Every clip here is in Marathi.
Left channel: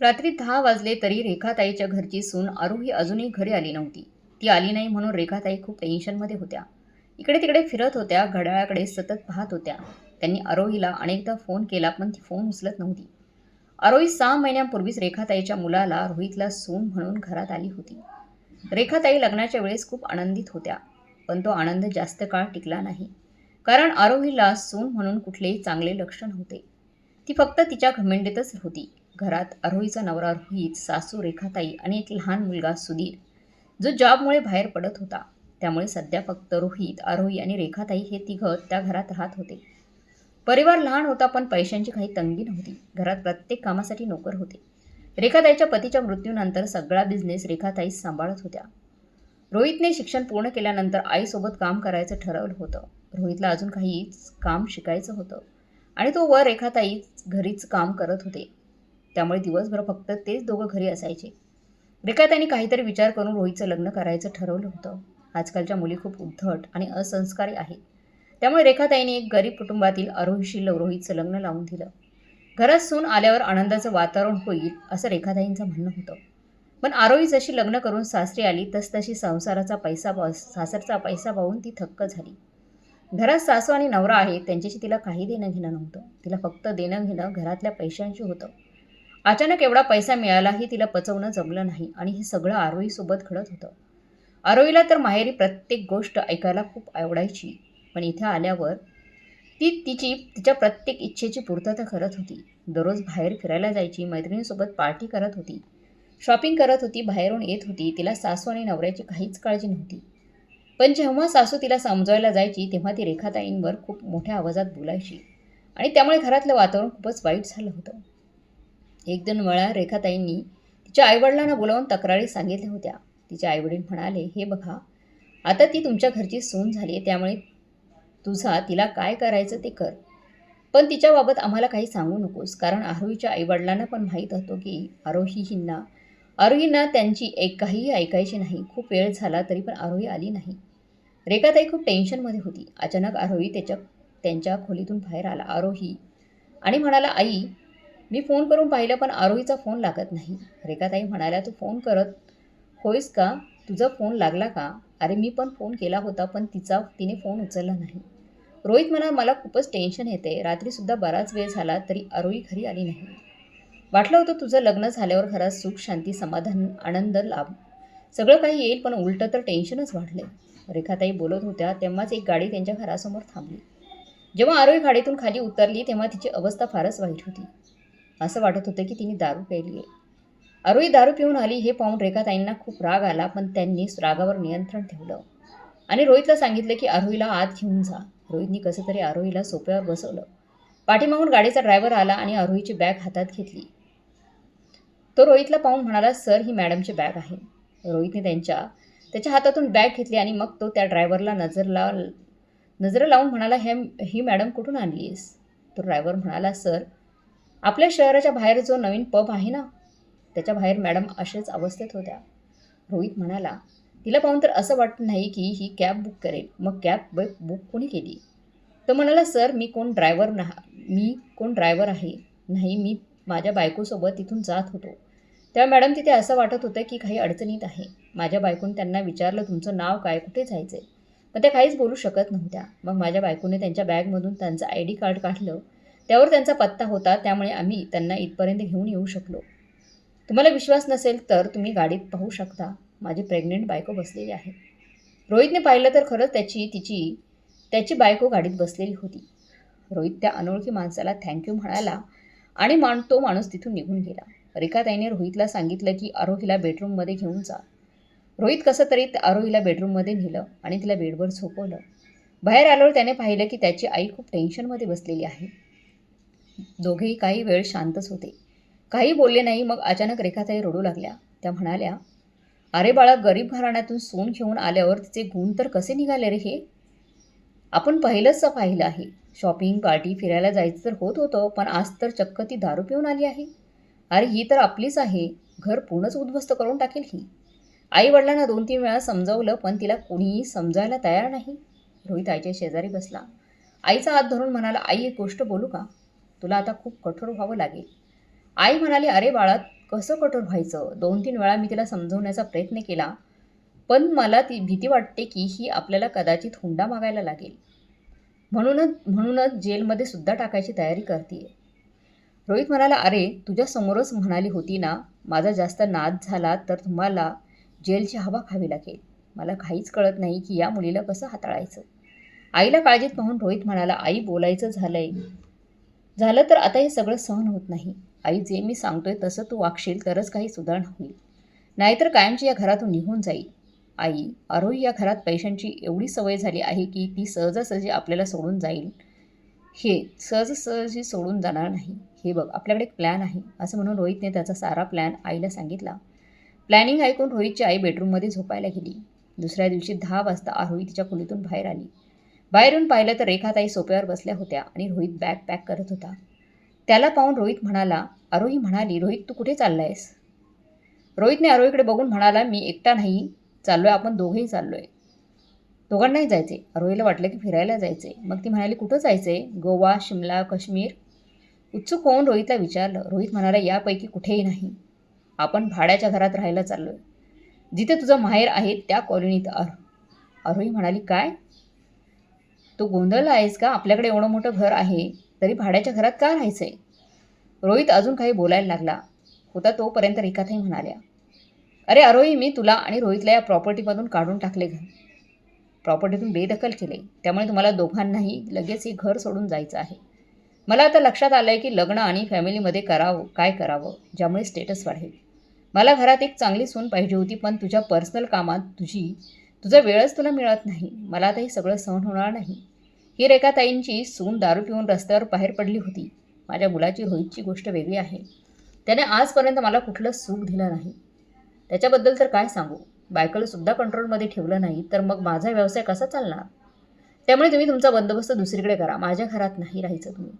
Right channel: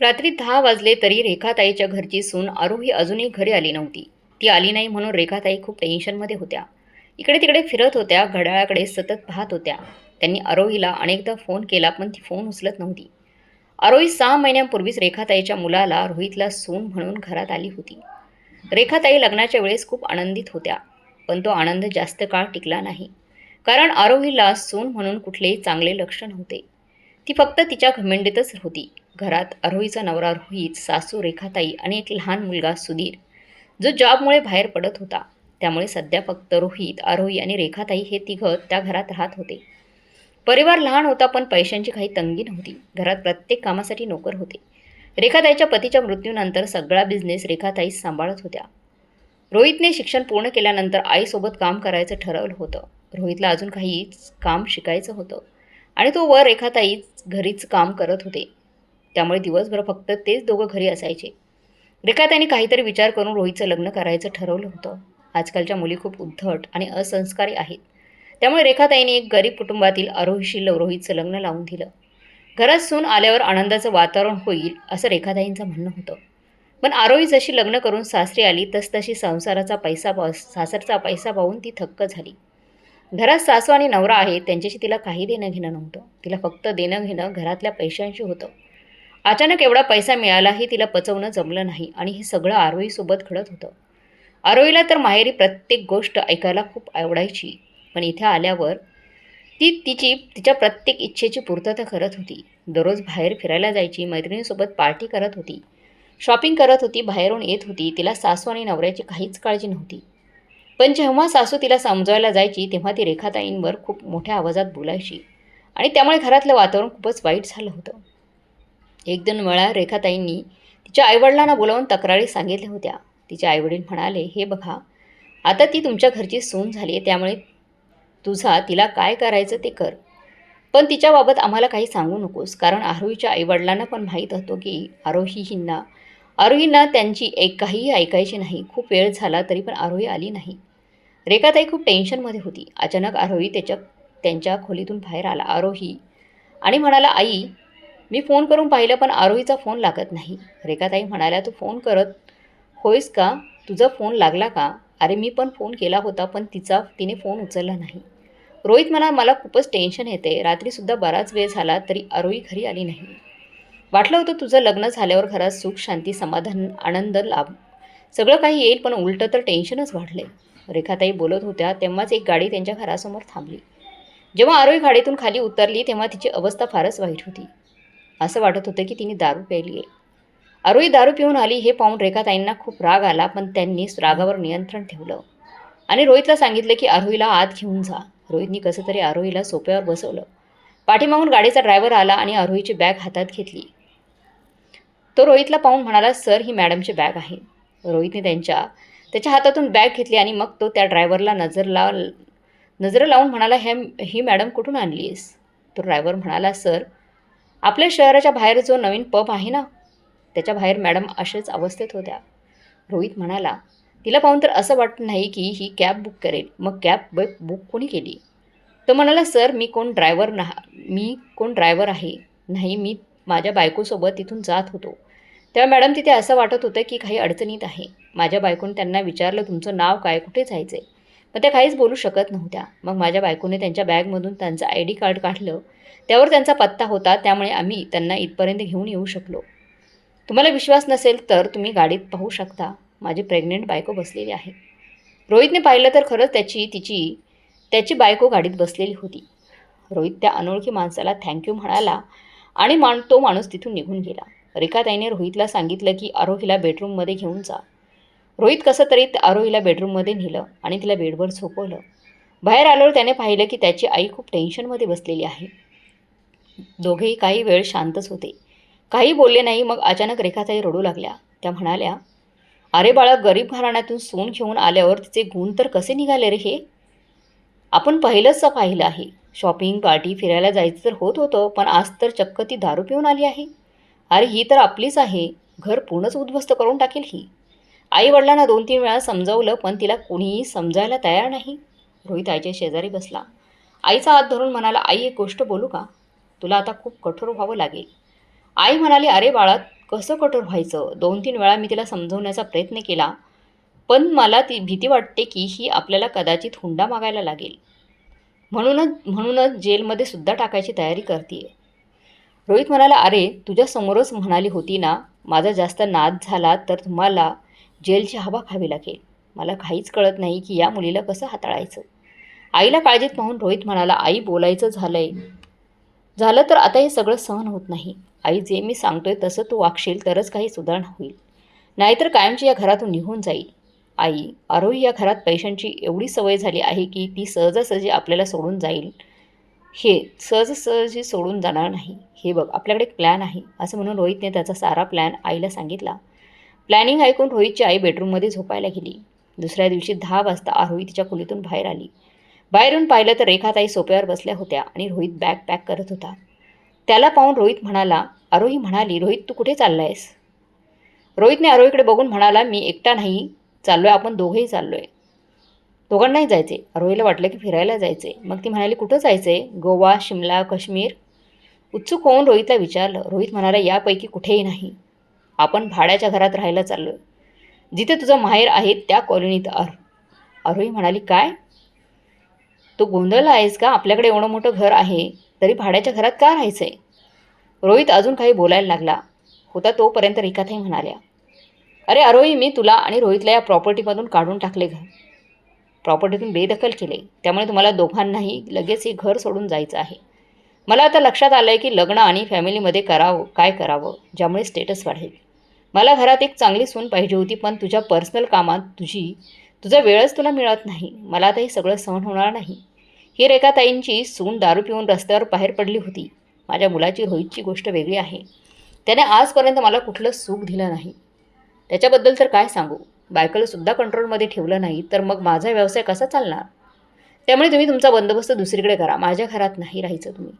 रात्री 10 वाजले तरी रेखाताईच्या घरची सून आरोही अजूनही घरी आली नव्हती. ती आली नाही म्हणून रेखाताई खूप टेन्शनमध्ये होत्या. इकडे-तिकडे फिरत होत्या, घड्याळाकडे सतत पाहत होत्या. त्यांनी आरोहीला अनेकदा फोन केला पण ती फोन उचलत नव्हती. आरोही 6 महिन्यांपूर्वीच रेखाताईच्या मुलाला रोहितला सून म्हणून घरात आली होती. रेखाताई लग्नाच्या वेळेस खूप आनंदित होत्या, पण तो आनंद जास्त काळ टिकला नाही. कारण आरोहीला सून म्हणून कुठलेही चांगले लक्ष नव्हते. ती फक्त तिच्या घमेंडीतच होती. घरात आरोहीचा नवरा रोहित, सासू रेखाताई आणि एक लहान मुलगा सुधीर, जो जॉबमुळे बाहेर पडत होता. त्यामुळे सध्या फक्त रोहित, आरोही आणि रेखाताई हे तिघं त्या घरात राहत होते. परिवार लहान होता पण पैशांची काही तंगी नव्हती. घरात प्रत्येक कामासाठी नोकर होते. रेखाताईच्या पतीच्या मृत्यूनंतर सगळा बिझनेस रेखाताईच सांभाळत होत्या. रोहितने शिक्षण पूर्ण केल्यानंतर आईसोबत काम करायचं ठरवलं होतं. रोहितला अजून काही काम शिकायचं होतं आणि तो वर रेखाताईच घरीच काम करत होते. त्यामुळे दिवसभर फक्त तेच दोघं घरी असायचे. रेखाताईने काहीतरी विचार करून रोहितचं लग्न करायचं ठरवलं होतं. आजकालच्या मुली खूप उद्धट आणि असंस्कारी आहेत. त्यामुळे रेखाताईने एक गरीब कुटुंबातील आरोहीशी रोहितचं लग्न लावून दिलं. घरात सून आल्यावर आनंदाचं वातावरण होईल असं रेखाताईंचं म्हणणं होतं. पण आरोही जशी लग्न करून सासरी आली तसतशी सासरचा पैसा पाहून ती थक्क झाली. घरात सासू आणि नवरा आहे त्यांच्याशी तिला काही देणं घेणं नव्हतं. तिला फक्त देणं घेणं घरातल्या पैशांशी होतं. अचानक एवढा पैसा मिळालाही तिला पचवणं जमलं नाही आणि हे सगळं आरोहीसोबत घडत होतं. आरोहीला तर माहेरी प्रत्येक गोष्ट ऐकायला खूप आवडायची, पण इथे आल्यावर ती तिच्या प्रत्येक इच्छेची पूर्तता करत होती. दररोज बाहेर फिरायला जायची, मैत्रिणींसोबत पार्टी करत होती, शॉपिंग करत होती, बाहेरून येत होती. तिला सासू आणि नवऱ्याची काहीच काळजी नव्हती. पण जेव्हा सासू तिला समजावायला जायची तेव्हा ती रेखाताईंवर खूप मोठ्या आवाजात बोलायची आणि त्यामुळे घरातलं वातावरण खूपच वाईट झालं होतं. 1-2 वेळा रेखाताईंनी तिच्या आईवडिलांना बोलावून तक्रारी सांगितल्या होत्या. तिचे आईवडील म्हणाले, "हे बघा, आता ती तुमच्या घरची सून झाली आहे, त्यामुळे तुझा तिला काय करायचं ते कर. पण तिच्याबाबत आम्हाला काही सांगू नकोस." कारण आरोहीच्या आईवडिलांना पण माहीत होतं की आरोहींना त्यांची काहीही ऐकायची नाही. खूप वेळ झाला तरी पण आरोही आली नाही. रेखाताई खूप टेन्शनमध्ये होती. अचानक आरोही त्यांच्या खोलीतून बाहेर आला. आरोही आणि म्हणाला, "आई, मी फोन करून पाहिलं पण आरोहीचा फोन लागत नाही." रेखाताई म्हणाल्या, "तू फोन करत होईस का? तुझा फोन लागला का?" "अरे मी पण फोन केला होता पण तिने फोन उचलला नाही." रोहित म्हणाला, "मला खूपच टेन्शन येते. रात्रीसुद्धा बराच वेळ झाला तरी आरोही घरी आली नाही. वाटलं होतं तुझं लग्न झाल्यावर घरात सुख, शांती, समाधान, आनंद लाभ सगळं काही येईल पण उलटं तर टेन्शनच वाढले." रेखाताई बोलत होत्या तेव्हाच एक गाडी त्यांच्या घरासमोर थांबली. जेव्हा आरोही गाडीतून खाली उतरली तेव्हा तिची अवस्था फारच वाईट होती. असं वाटत होतं की तिने दारू प्यायली आहे. आरोही दारू पिऊन आली हे पाहून रेखाताईंना खूप राग आला, पण त्यांनी रागावर नियंत्रण ठेवलं आणि रोहितला सांगितलं की आरोहीला आत घेऊन जा. रोहितनी कसं तरी आरोहीला सोफ्यावर बसवलं. पाठीमागून गाडीचा ड्रायव्हर आला आणि आरोहीची बॅग हातात घेतली. तो रोहितला पाहून म्हणाला, "सर, ही मॅडमची बॅग आहे." रोहितने त्याच्या हातातून बॅग घेतली आणि मग तो त्या ड्रायव्हरला नजर लावून म्हणाला, ही मॅडम कुठून आणली आहेस?" तो ड्रायव्हर म्हणाला, "सर, आपल्या शहराच्या बाहेर जो नवीन पब आहे ना, त्याच्या बाहेर मॅडम अशाच अवस्थेत होत्या." रोहित म्हणाला, "तिला पाहून तर असं वाटत नाही की ही कॅब बुक करेल. मग कॅब बुक कोणी केली?" तो म्हणाला, "सर, मी कोण ड्रायव्हर आहे नाही. मी माझ्या बायकोसोबत तिथून जात होतो. तेव्हा मॅडम तिथे असं वाटत होतं की काही अडचणीत आहे. माझ्या बायकोने त्यांना विचारलं, तुमचं नाव काय, कुठे जायचं आहे? पण त्या काहीच बोलू शकत नव्हत्या. मग माझ्या बायकोने त्यांच्या बॅगमधून त्यांचं ID कार्ड काढलं. त्यावर त्यांचा पत्ता होता. त्यामुळे आम्ही त्यांना इथपर्यंत घेऊन येऊ शकलो. तुम्हाला विश्वास नसेल तर तुम्ही गाडीत पाहू शकता. माझी प्रेग्नंट बायको बसलेली आहे." रोहितने पाहिलं तर खरंच त्याची बायको गाडीत बसलेली होती. रोहित त्या अनोळखी माणसाला थँक्यू म्हणाला आणि तो माणूस तिथून निघून गेला. रेखाताईने रोहितला सांगितलं की आरोहीला बेडरूममध्ये घेऊन जा. रोहित कसं तरी आरोहीला बेडरूममध्ये नेलं आणि तिला बेडवर झोपवलं. बाहेर आल्यावर त्याने पाहिलं की त्याची आई खूप टेन्शनमध्ये बसलेली आहे. दोघेही काही वेळ शांतच होते. काही बोलले नाही. मग अचानक रेखाताई रडू लागल्या. त्या म्हणाल्या, "अरे बाळा, गरीब घराण्यातून सून घेऊन आल्यावर तिचे गुण तर कसे निघाले रे हे? आपण पाहिलं आहे. शॉपिंग, पार्टी, फिरायला जायचं तर होत होतं, पण आज तर चक्क ती दारू पिऊन आली आहे. अरे ही तर आपलीच आहे. घर पूर्णच उद्ध्वस्त करून टाकेल ही." आई-वडिलांना 2-3 वेळा समजावलं, पण तिला कोणीही समजायला तयार नाही. रोहित आईच्या शेजारी बसला. आईचा हात धरून म्हणाला, "आई, एक गोष्ट बोलू का? तुला आता खूप कठोर व्हावं लागेल." आई म्हणाली, "अरे बाळा, कसं कठोर व्हायचं? 2-3 वेळा मी तिला समजवण्याचा प्रयत्न केला, पण मला ती भीती वाटते की ही आपल्याला कदाचित हुंडा मागायला लागेल. म्हणूनच जेलमध्ये सुद्धा टाकायची तयारी करतीये. रोहित म्हणाला, "अरे, तुझ्या समोरच म्हणाली होती ना, माझा जास्त नाद झाला तर तुम्हाला जेलची हवा खावी लागेल. मला काहीच कळत नाही की या मुलीला कसं हाताळायचं." आईला काळजीत पाहून रोहित म्हणाला, "आई, बोलायचं झालं तर आता हे सगळं सहन होत नाही. आई, जे मी सांगतोय तसं तू वागशील तरच काही सुधारणा होईल. नाहीतर कायमची या घरातून निघून जाईल. आई, आरोही या घरात पैशांची एवढी सवय झाली आहे की ती सहजासहजी आपल्याला सोडून जाईल. हे सहजासहजी सोडून जाणार नाही. हे बघ, आपल्याकडे एक प्लॅन आहे." असं म्हणून रोहितने त्याचा सारा प्लॅन आईला सांगितला. प्लॅनिंग ऐकून रोहितची आई बेडरूममध्ये झोपायला गेली. दुसऱ्या दिवशी 10 वाजता आरोही तिच्या खोलीतून बाहेर आली. बाहेर येऊन पाहिलं तर रेखाताई सोफ्यावर बसल्या होत्या आणि रोहित बॅग पॅक करत होता. त्याला पाहून आरोही म्हणाली, "रोहित, तू कुठे चाललायस?" रोहितने आरोहीकडे बघून म्हणाला, "मी एकटा नाही चाललोय, आपण दोघेही चाललोय." दोघांनाही जायचे. आरोहीला वाटलं की फिरायला जायचे. मग ती म्हणाली, "कुठं जायचंय? गोवा, शिमला, काश्मीर?" उत्सुक होऊन रोहितला विचारलं. रोहित म्हणाला, "यापैकी कुठेही नाही. आपण भाड्याच्या घरात राहायला चाललोय. जिथे तुझं माहेर आहे त्या कॉलनीत." आरोही म्हणाली, "काय? तू गोंधळला आहेस का? आपल्याकडे एवढं मोठं घर आहे, तरी भाड्याच्या घरात का राहायचंय?" रोहित अजून काही बोलायला लागला होता तोपर्यंत रेखाताई म्हणाल्या, "अरे आरोही, मी तुला आणि रोहितला या प्रॉपर्टीमधून काढून टाकले. प्रॉपर्टीतून बेदखल केले. त्यामुळे तुम्हाला दोघांनाही लगेच हे घर सोडून जायचं आहे. मला आता लक्षात आलं आहे की लग्न आणि फॅमिलीमध्ये काय करावं, ज्यामुळे स्टेटस वाढेल. मला घरात एक चांगली सून पाहिजे होती, पण तुझ्या पर्सनल कामात तुझा वेळच तुला मिळत नाही. मला आता हे सगळं सहन होणार नाही." ही रेखाताईंची सून दारू पिऊन रस्त्यावर बाहेर पडली होती. माझ्या मुलाची, रोहितची गोष्ट वेगळी आहे. त्याने आजपर्यंत मला कुठलं सुख दिलं नाही. त्याच्याबद्दल तर काय सांगू. बायकोला सुद्धा कंट्रोलमध्ये ठेवलं नाही तर मग माझा व्यवसाय कसा चालणार? त्यामुळे तुम्ही तुमचा बंदोबस्त दुसरीकडे करा. माझ्या घरात नाही राहायचं तुम्ही.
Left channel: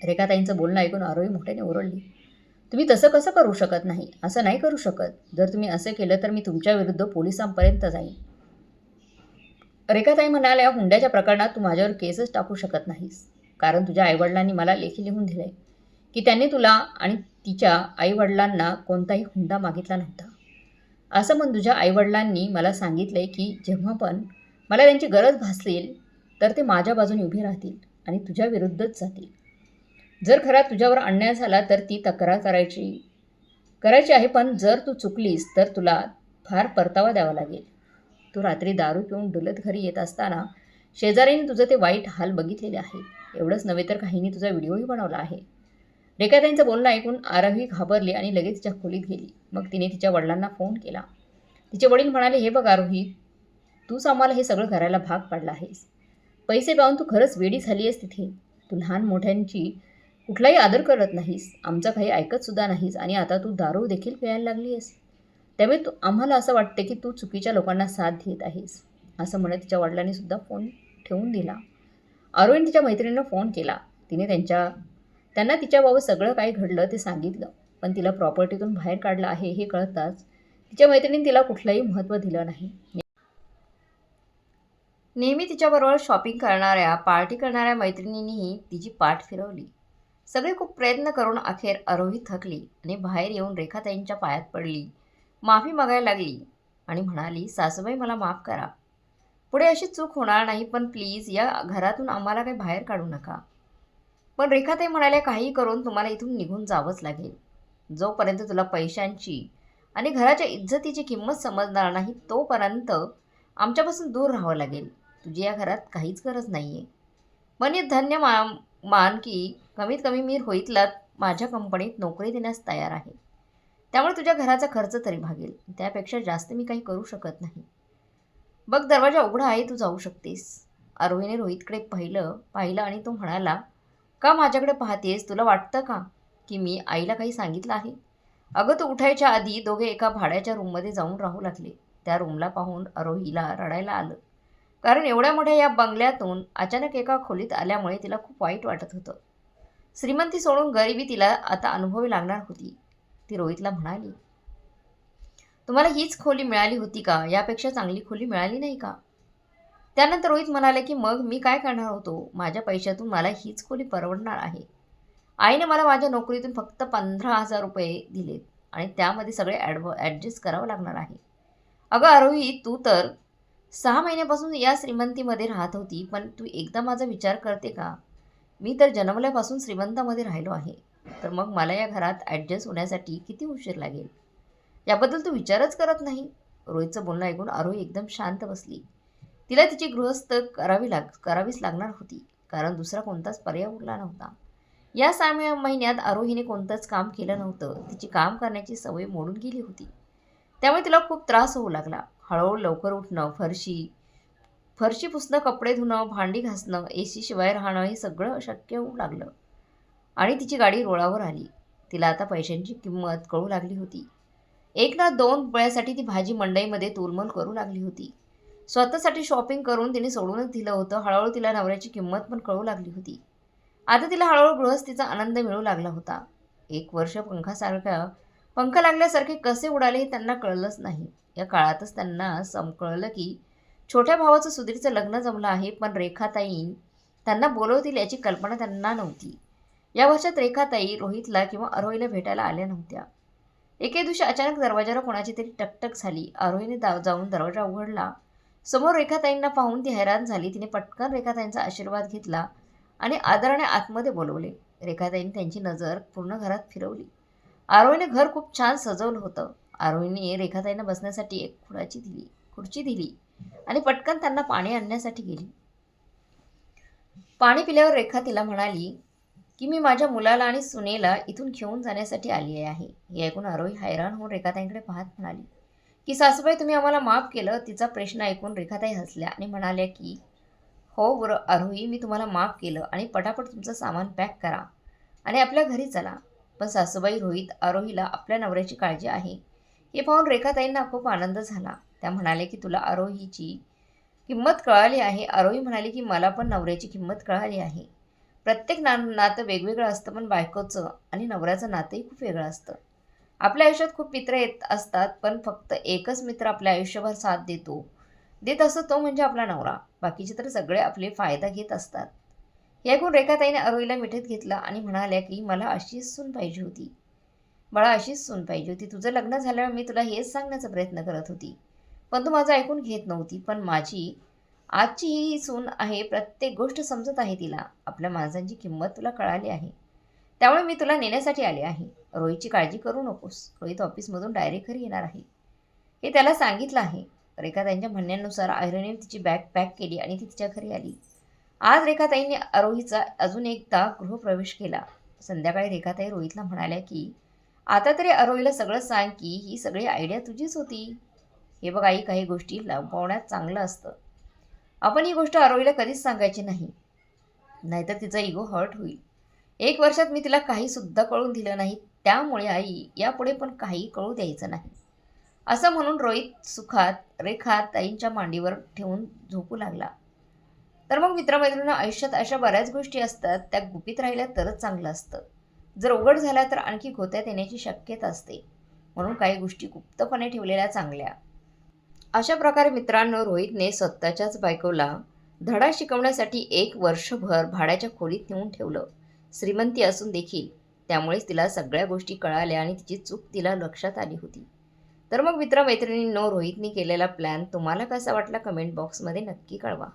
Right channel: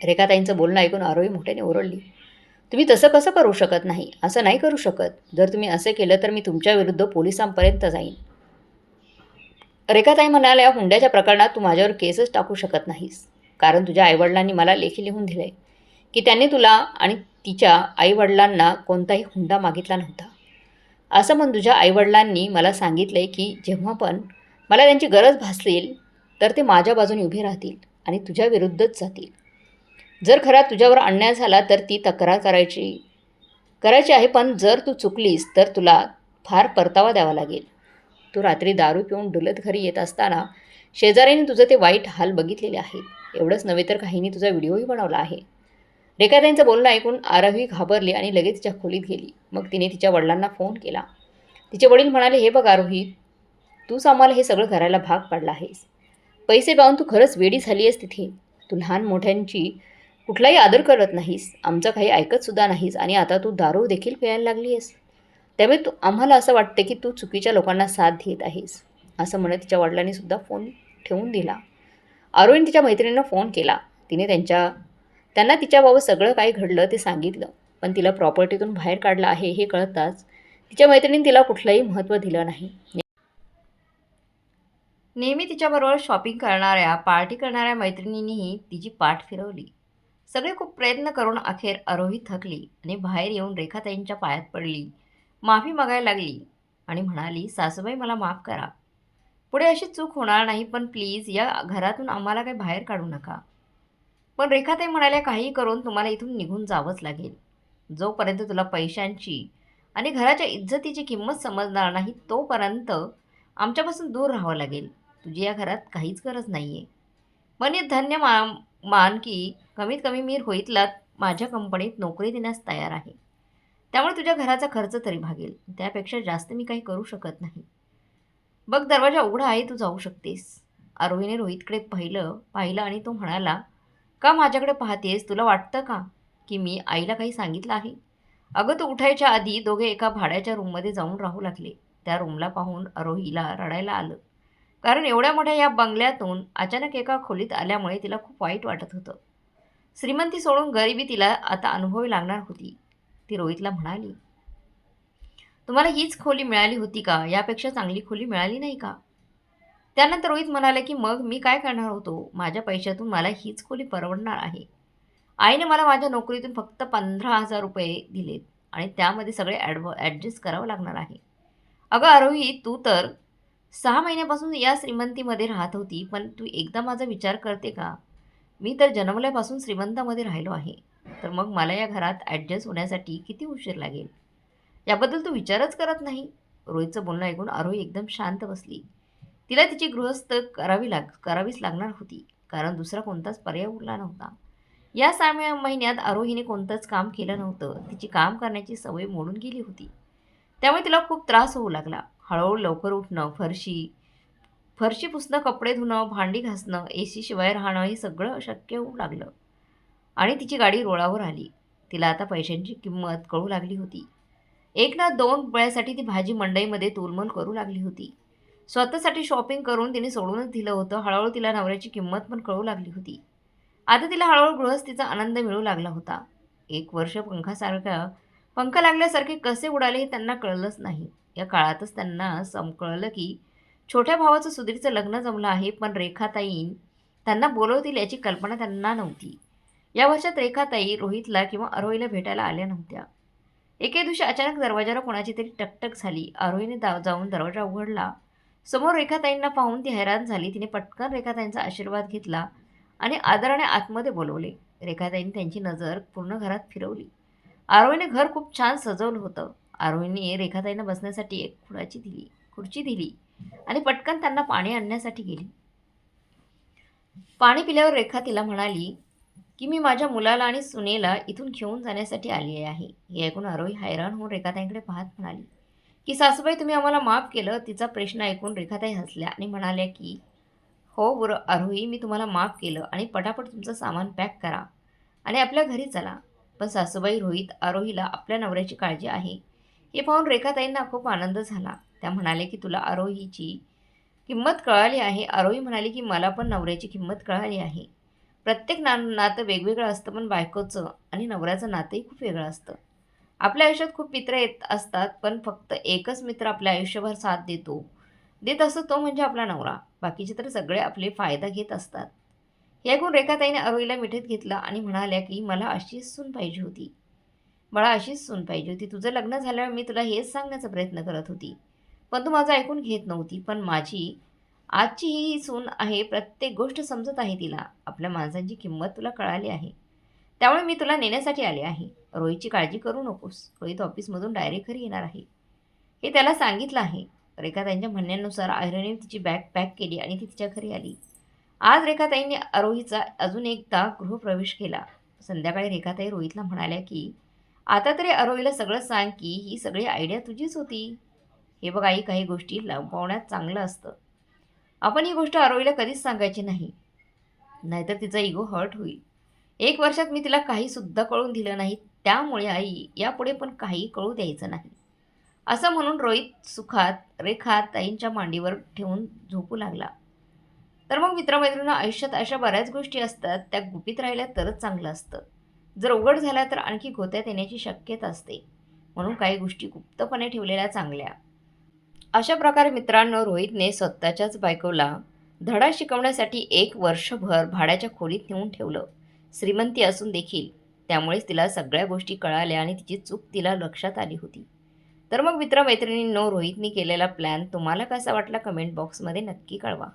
रेखाताईंचं बोलणं ऐकून आरोही मोठ्याने ओरडली, "तुम्ही तसं कसं करू शकत नाही? असं नाही करू शकत. जर तुम्ही असं केलं तर मी तुमच्या विरुद्ध पोलिसांपर्यंत जाईन." रेखाताई म्हणाल्या, "हुंड्याच्या प्रकरणात तू माझ्यावर केसच टाकू शकत नाहीस. कारण तुझ्या आईवडिलांनी मला लेखी लिहून दिलंय की त्यांनी तुला आणि तिच्या आईवडिलांना कोणताही हुंडा मागितला नव्हता. असं म्हणून तुझ्या आईवडिलांनी मला सांगितलंय की जेव्हा पण मला त्यांची गरज भासेल तर ते माझ्या बाजूने उभे राहतील आणि तुझ्या विरुद्धच जातील. जर खरा तुझ्यावर अन्याय झाला तर ती तक्रार करायची आहे, पण जर तू चुकलीस तर तुला फार परतावा द्यावा लागेल. तू रात्री दारू पिऊन डुलत घरी येत असताना शेजाऱ्यांनी तुझं ते वाईट हाल बघितलेले आहेत. एवढंच नव्हे तर काहींनी तुझा व्हिडिओही बनवला आहे." रेखाताईंचं बोलणं ऐकून आरोही घाबरली आणि लगेच तिच्या खोलीत गेली. मग तिने तिच्या वडिलांना फोन केला. तिचे वडील म्हणाले, "हे बघ आरोही, तूच आम्हाला हे सगळं करायला भाग पाडला आहेस. पैसे पाहून तू खरंच वेडी झाली आहेस तिथे. तू लहान मोठ्यांची कुठलाही आदर करत नाहीस, आमचं काही ऐकतसुद्धा नाहीस आणि आता तू दारू देखील प्यायला लागली आहेस. त्यामुळे आम्हाला असं वाटते की तू चुकीच्या लोकांना साथ देत आहेस." असं म्हणत तिच्या वडिलांनी सुद्धा फोन ठेवून दिला. आरोहीने तिच्या मैत्रिणींना फोन केला. तिने त्यांना तिच्याबाबत सगळं काय घडलं ते सांगितलं. पण तिला प्रॉपर्टीतून बाहेर काढलं आहे हे कळताच तिच्या मैत्रिणींनी तिला कुठलंही महत्त्व दिलं नाही. नेहमी तिच्याबरोबर शॉपिंग करणाऱ्या, पार्टी करणाऱ्या मैत्रिणींनीही तिची पाठ फिरवली. सगळे खूप प्रयत्न करून अखेर आरोही थकली आणि बाहेर येऊन रेखाताईंच्या पायात पडली, माफी मागायला लागली आणि म्हणाली, "सासूबाई, मला माफ करा. पुढे अशी चूक होणार नाही, पण प्लीज या घरातून आम्हाला काही बाहेर काढू नका." पण रेखाताई म्हणाल्या, "काहीही करून तुम्हाला इथून निघून जावंच लागेल. जोपर्यंत तुला पैशांची आणि घराच्या इज्जतीची किंमत समजणार नाही तोपर्यंत आमच्यापासून दूर राहावं लागेल. तुझी या घरात काहीच गरज नाही आहे. पण हे धन्य मान की कमीत कमी मी रोहितला माझ्या कंपनीत नोकरी देण्यास तयार आहे. त्यामुळे तुझ्या घराचा खर्च तरी भागेल. त्यापेक्षा जास्त मी काही करू शकत नाही. बघ, दरवाजा उघडा आहे, तू जाऊ शकतेस." आरोहीने रोहितकडे पाहिलं आणि तो म्हणाला, "का माझ्याकडे पाहतेस? तुला वाटतं का की मी आईला काही सांगितलं आहे?" "अगं, तू उठायच्या आधी दोघे एका भाड्याच्या रूममध्ये जाऊन राहू लागले." त्या रूमला पाहून आरोहीला रडायला आलं. कारण एवढ्या मोठ्या या बंगल्यातून अचानक एका खोलीत आल्यामुळे तिला खूप वाईट वाटत होतं. श्रीमंती सोडून गरिबी तिला आता अनुभवावी लागणार होती. ती रोहितला म्हणाली, "तुम्हाला हीच खोली मिळाली होती का? यापेक्षा चांगली खोली मिळाली नाही का?" त्यानंतर रोहित म्हणाला की, "मग मी काय करणार होतो? माझ्या पैशातून मला हीच खोली परवडणार आहे." आईने मला माझ्या नोकरीतून फक्त 15,000 रुपये दिलेत आणि त्यामध्ये सगळे ॲडजस्ट करावं लागणार आहे. अगं आरोही, तू तर 6 महिन्यापासून या श्रीमंतीमध्ये राहत होती, पण तू एकदा माझा विचार करते का? मी तर जन्मल्यापासून श्रीमंतामध्ये राहिलो आहे. तर मग मला या घरात ॲडजस्ट होण्यासाठी किती उशीर लागेल? याबद्दल तू विचारच करत नाही. रोहितचं बोलणं ऐकून आरोही एकदम शांत बसली. तिला तिची गृहस्थ करावीच लागणार होती, कारण दुसरा कोणताच पर्याय उरला नव्हता. या 6 महिन्यात आरोहीने कोणतंच काम केलं नव्हतं. तिची काम करण्याची सवय मोडून गेली होती. त्यामुळे तिला खूप त्रास होऊ लागला. हळूहळू लवकर उठणं, फरशी फरशी पुसणं, कपडे धुणं, भांडी घासणं, एसी शिवाय राहणं हे सगळं अशक्य होऊ लागलं. आणि तिची गाडी रुळावर आली. तिला आता पैशांची किंमत कळू लागली होती. एक ना दोन वेळासाठी ती भाजी मंडईमध्ये तोलमोल करू लागली होती. स्वतःसाठी शॉपिंग करून तिने सोडूनच दिलं होतं. हळूहळू तिला नवऱ्याची किंमत पण कळू लागली होती. आता तिला हळूहळू गृहस्थीचा आनंद मिळू लागला होता. 1 वर्ष पंख लागल्यासारखे कसे उडाले हे त्यांना कळलंच नाही. या काळातच त्यांना कळलं की छोट्या भावाचं सुधीरचं लग्न जमलं आहे, पण रेखाताई त्यांना बोलवतील याची कल्पना त्यांना नव्हती. या वर्षात रेखाताई रोहितला किंवा आरोहीला भेटायला आल्या नव्हत्या. एके दिवशी अचानक दरवाजाला कोणाची तरी टकटक झाली. आरोहीने जाऊन दरवाजा उघडला. समोर रेखाताईंना पाहून ती हैराण झाली. तिने पटकन रेखाताईंचा आशीर्वाद घेतला आणि आदराने आतमध्ये बोलवले. रेखाताईंनी त्यांची नजर पूर्ण घरात फिरवली. आरोहीने घर खूप छान सजवलं होतं. आरोहीने रेखाताईंना बसण्यासाठी एक खुर्ची दिली आणि पटकन त्यांना पाणी आणण्यासाठी गेली. पाणी पिल्यावर रेखा तिला म्हणाली की मी माझ्या मुलाला आणि सुनेला इथून घेऊन जाण्यासाठी आली आहे. हे ऐकून आरोही हैराण होऊन रेखाताईंकडे पाहत म्हणाली की सासूबाई, तुम्ही आम्हाला माफ केलं. तिचा प्रश्न ऐकून रेखाताई हसल्या आणि म्हणाल्या की हो बरं आरोही, मी तुम्हाला माफ केलं आणि पटापट तुमचं सामान पॅक करा आणि आपल्या घरी चला. पण सासूबाई, रोहित आरोहीला आपल्या नवऱ्याची काळजी आहे. हे पाहून रेखाताईंना खूप आनंद झाला. त्या म्हणाले की तुला आरोहीची किंमत कळाली आहे. आरोही म्हणाली की मला पण नवऱ्याची किंमत कळाली आहे. प्रत्येक नातं वेगवेगळं असतं, पण बायकोचं आणि नवऱ्याचं नातंही खूप वेगळं असतं. आपल्या आयुष्यात खूप मित्र येत असतात, पण फक्त एकच मित्र आपल्या आयुष्यभर साथ देत असतो, तो म्हणजे आपला नवरा. बाकीचे तर सगळे आपले फायदा घेत असतात. हे ऐकून रेखाताईने आरोहीला मिठीत घेतलं आणि म्हणाल्या की मला अशीच सून पाहिजे होती. बाळा, अशीच सून पाहिजे होती. तुझं लग्न झाल्यावर मी तुला हेच सांगण्याचा प्रयत्न करत होती, पण तू माझं ऐकून घेत नव्हती. पण माझी आजची ही सून आहे. प्रत्येक गोष्ट समजत आहे तिला. आपल्या माणसांची किंमत तुला कळाली आहे. त्यामुळे मी तुला नेण्यासाठी आले आहे. रोहितची काळजी करू नकोस. रोहित ऑफिसमधून डायरेक्ट घरी येणार आहे, हे त्याला सांगितलं आहे. रेखाताईंच्या म्हणण्यानुसार आयरणीने तिची बॅग पॅक केली आणि ती तिच्या घरी आली. आज रेखाताईंनी आरोहीचा अजून एकदा गृहप्रवेश केला. संध्याकाळी रेखाताई रोहितला म्हणाल्या की आता तरी आरोहीला सगळं सांग की ही सगळी आयडिया तुझीच होती. हे बघ आई, काही गोष्टी लपवण्यात चांगलं असतं. आपण ही गोष्ट आरोहीला कधीच सांगायची नाही, नाहीतर तिचा इगो हर्ट होईल. 1 वर्षात मी तिला काहीसुद्धा कळून दिलं नाही. त्यामुळे आई, यापुढे पण काही कळू द्यायचं नाही. असं म्हणून रोहित सुखात रेखा ताईंच्या मांडीवर ठेवून झोपू लागला. तर मग मित्रमैत्रिणींना, आयुष्यात अशा बऱ्याच गोष्टी असतात, त्या गुपित राहिल्या तरच चांगलं असतं. जर उघड झाल्या तर आणखी गोत्यात येण्याची शक्यता असते. म्हणून काही गोष्टी गुप्तपणे ठेवलेल्या चांगल्या. अशा प्रकारे मित्रांनो, रोहितने स्वतःच्याच बायकोला धडा शिकवण्यासाठी 1 वर्षभर भाड्याच्या खोलीत नेऊन ठेवलं. श्रीमंती असून देखील. त्यामुळेच तिला सगळ्या गोष्टी कळाल्या आणि तिची चूक तिला लक्षात आली होती. तर मग मित्रमैत्रिणींनो, रोहितने केलेला प्लॅन तुम्हाला कसा वाटला कमेंट बॉक्समध्ये नक्की कळवा.